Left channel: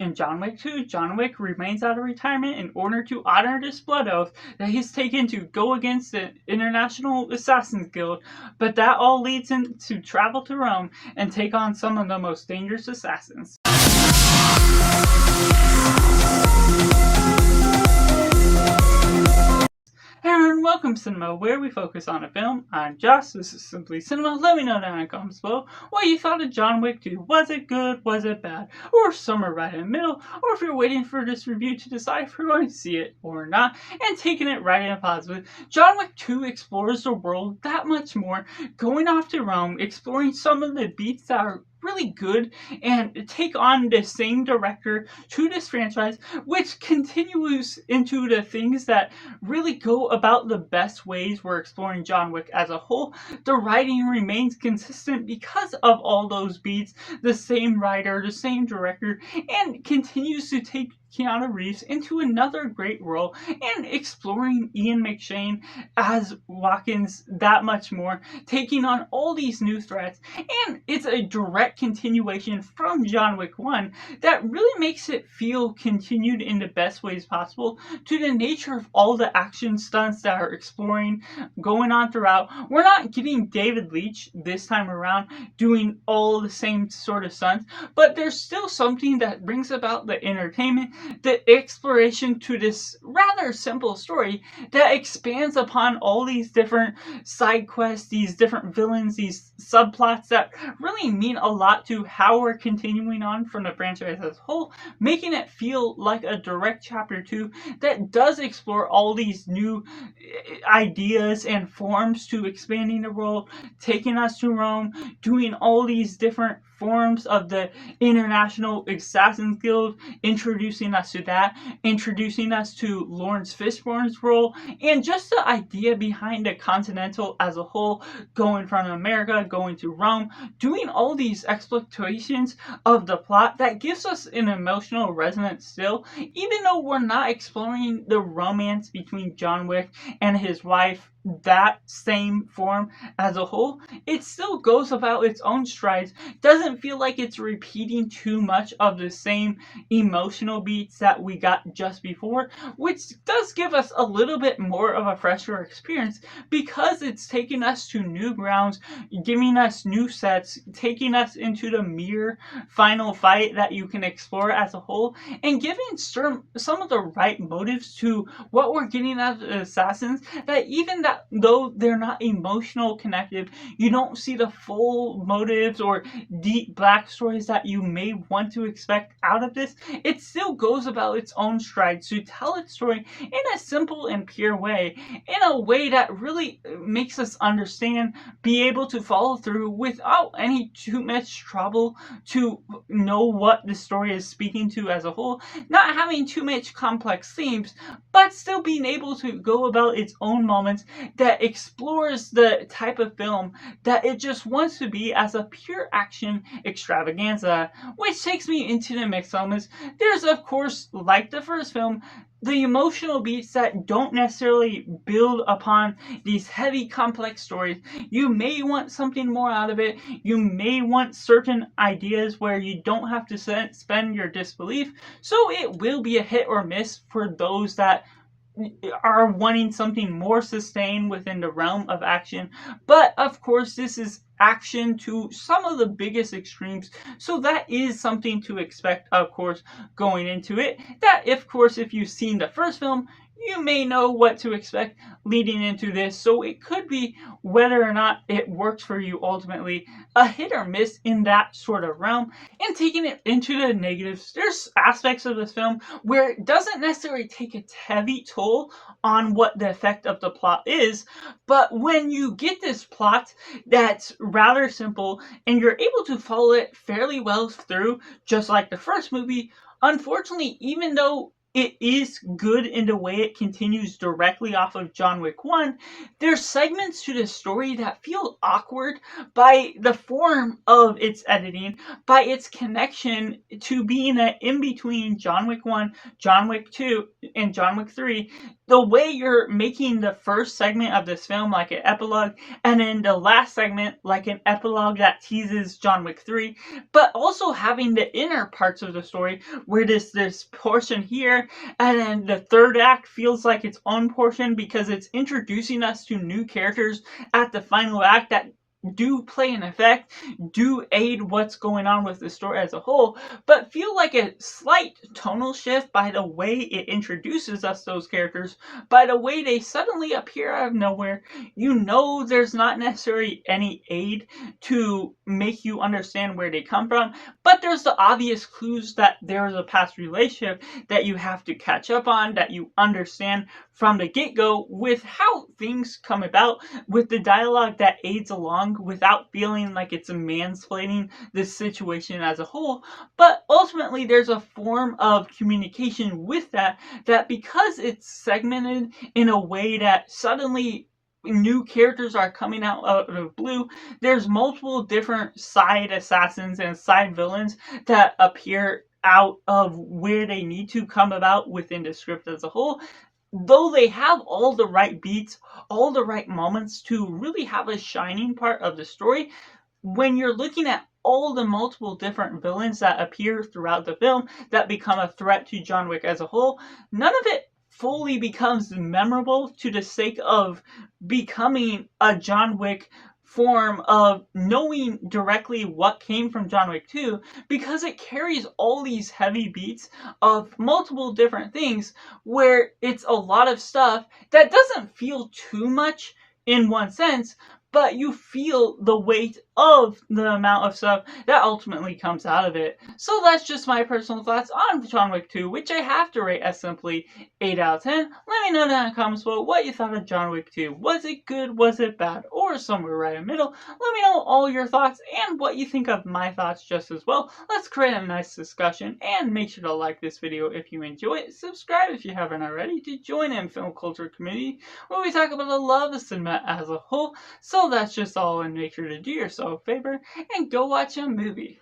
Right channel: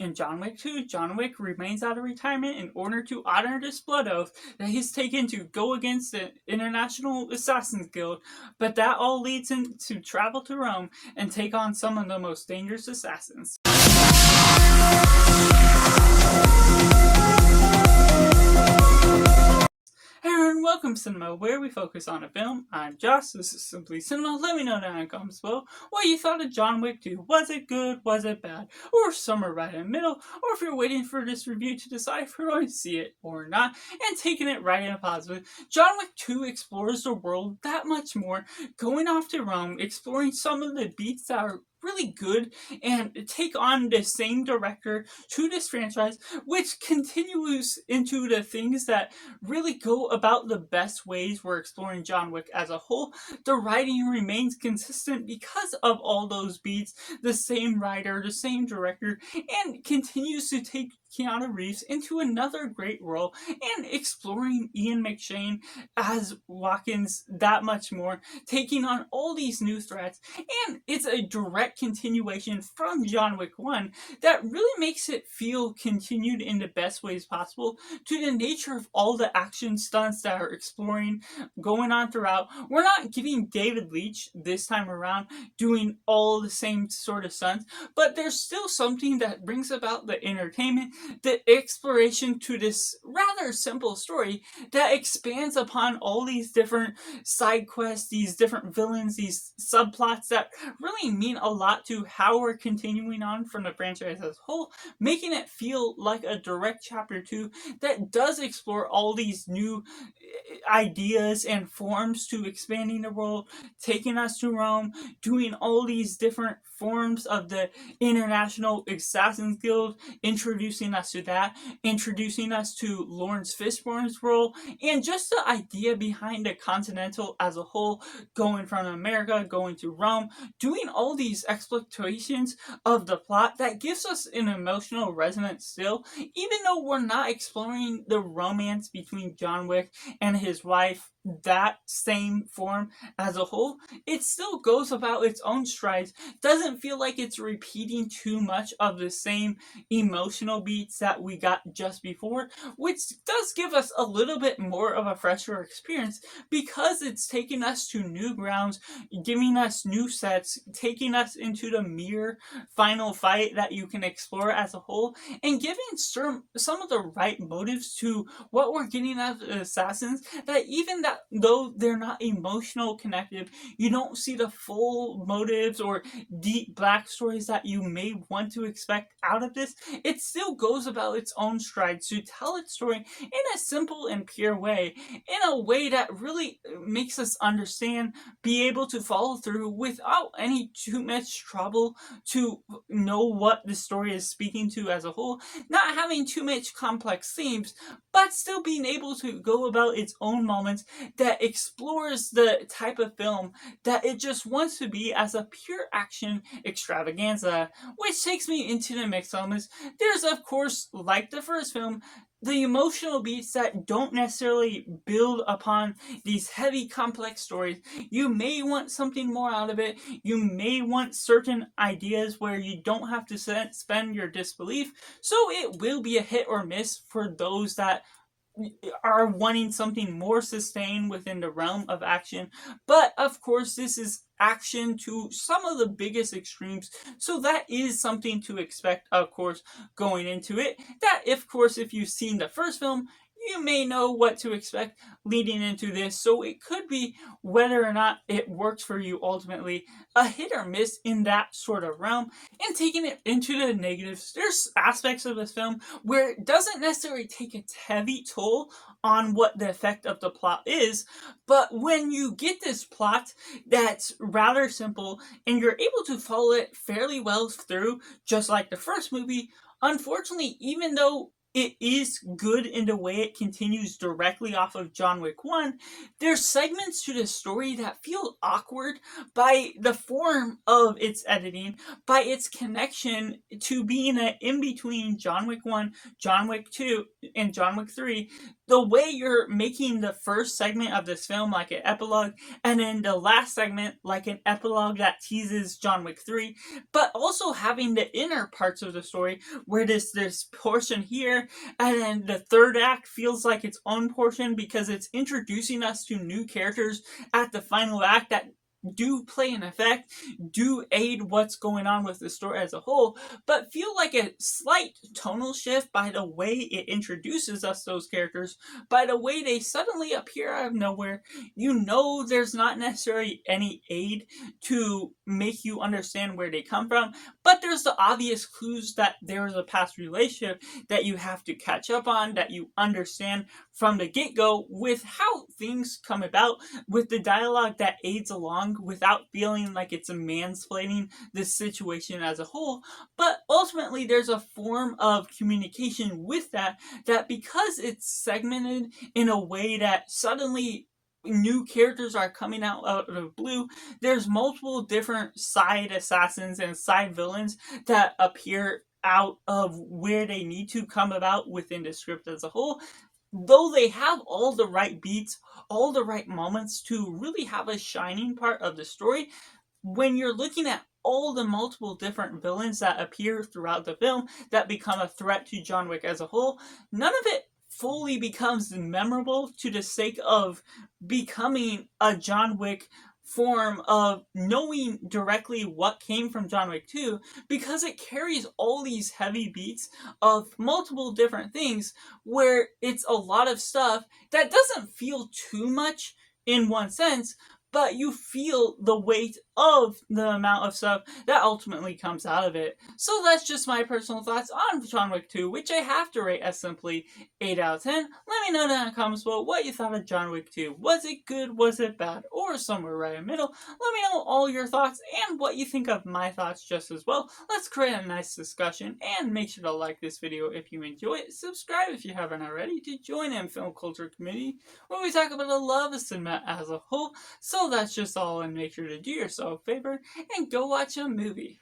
In John Wick 2, John Wick remains out of retirement in order to honor this blood oath that he's taken to go against the International Assassin's Guild, but that all leads him to travel to Rome and take on some of the most dangerous assassins. Hello and welcome to Cinema, where we focus on a film. I'm Josh, this is Simply Cinema. Let me know down in the comments below what you thought of John Wick 2. Was it good? Was it bad? Or somewhere right in the middle? Or if you're waiting for this review to decide if you're going to see it or not, and taking it right in a positive. John Wick 2 explores the world that much more, going off to Rome, exploring some of the beats that are really good and take on the same director to this franchise, which continues into the things that really go about the best ways we're exploring John Wick as a whole. The writing remains consistent because of all those beats, the same writer, the same director, and continues to take Keanu Reeves into another great role and exploring Ian McShane as Watkins that much more, taking on all these new threats, and it's a direct continuation from John Wick 1 that really makes it feel continued in the best ways possible to the nature of all the action stunts that are exploring going on throughout. We're not getting David Leitch this time around doing all the same sort of stunts, but there's still something that brings about the entertainment, the exploration to this rather simple story that expands upon all these different side quests, these different villains, these subplots that really mean a lot to how we're continuing on from the franchise as a whole, making it feel like a direct chapter 2 that does explore all these new ideas and forms to expanding the world, taking us to Rome, doing all these different forms of the International Assassin's Guild, introducing us to that, introducing us to Lawrence Fishburne's role, and just the idea behind the Continental as a whole, going from America, going to Rome, doing all these exploitations of the plot that gives us an emotional resonance still, even though we're not exploring the romance between John Wick and his wife that same form as a whole. It still goes about its own strides, doesn't feel like it's repeating too much of the same emotional beats that we got just before, which does give us a little bit more of a fresher experience because it's taking us to new grounds, giving us new sets, taking us into the mirror final fight that you can explore as a whole, and giving some of the right motives to what we're getting out of the assassins, that even that though they're not emotional connected, you don't see the full motives or deep backstories that you may want to expect out of this. It still goes about its own strides to tell its story in a simple and pure way, in a way that really makes us understand, be able to follow through without any too much trouble to know what the story is speaking to as a whole, not having too much complex themes, but still being able to go about its own moments that explores the type of film that it just wants to be as a pure action extravaganza. Which takes me into the mixed elements. There's, of course, like the first film, the emotional beats that don't necessarily build upon these heavy, complex stories. You may want something more out of it. You may want certain ideas where you don't have to suspend your disbelief. So it will be a hit or miss for those that are wanting something more sustained within the realm of action. But of course, this is action to some of the biggest extremes, so that is something to expect, of course, going into it. That, of course, if you've seen the first film, you may know what to expect leading into this, so it could be whether or not it works for you ultimately, a hit or miss in that sort of realm. And taking it into the negatives, there's aspects of this film where it doesn't necessarily take a heavy toll on what the effect of the plot is, but when you get this plot that's rather simple and you're able to follow it fairly well through, just like the first movie, unfortunately, even though it is good in the way it continues directly off of John Wick 1, there's segments to the story that feel awkward by the form of its editing, by its connection to being an in-between John Wick 1, John Wick 2, and John Wick 3. The way you're making the first segment of this film like an epilogue, and then the last segment like an epilogue that teases John Wick 3, but also having the inner parts of the story where this portion here, and then the third act feels like its own portion because it's introducing us to new characters at the final act that do play an effect, do aid what's going on with the story as a whole, but feel like a slight tonal shift by the way it introduces us those characters, by the way they suddenly appear out of nowhere. You know there's not necessarily any aid to make you understand where they come from, but there's the obvious clues that there's a past relationship that you have to catch up on, that you understand from the get-go with how things come about, with the dialogue that aids along without feeling like it's mansplaining this situation as a whole. But ultimately there's a form of communication with that because it's segmented in a way that suddenly new characters are coming out of the blue. There's multiple different side assassins and side villains that appear out of where they need to come about within the script as a whole. Though they have all the right beats, all the right moments to really have a shining part of the story, when you're looking at all the multiple different villains that appear throughout the film that become a threat to John Wick as a whole, none of it fully becomes memorable to the sake of becoming a John Wick form of knowing directly what came from John Wick 2, because it carries all these heavy beats of multiple different things where it's a lot of stuff that doesn't feel too much in one sense, but you feel the weight of the amount of stuff that ultimately comes out of it. So that's just my personal thoughts on John Wick 2, which I have to rate as simply 8 out of 10. Let me know down in the comments below what you thought of John Wick 2. Was it good, was it bad, or somewhere right in the middle? Let me know all your thoughts and what you think of my thoughts just as well. Let's create a nice discussion, and make sure to like this video if you enjoy it. Subscribe if you haven't already to join in film culture community where we talk about the love of cinema as a whole. So that's just all, and make sure to do yourself a favor and go watch a movie.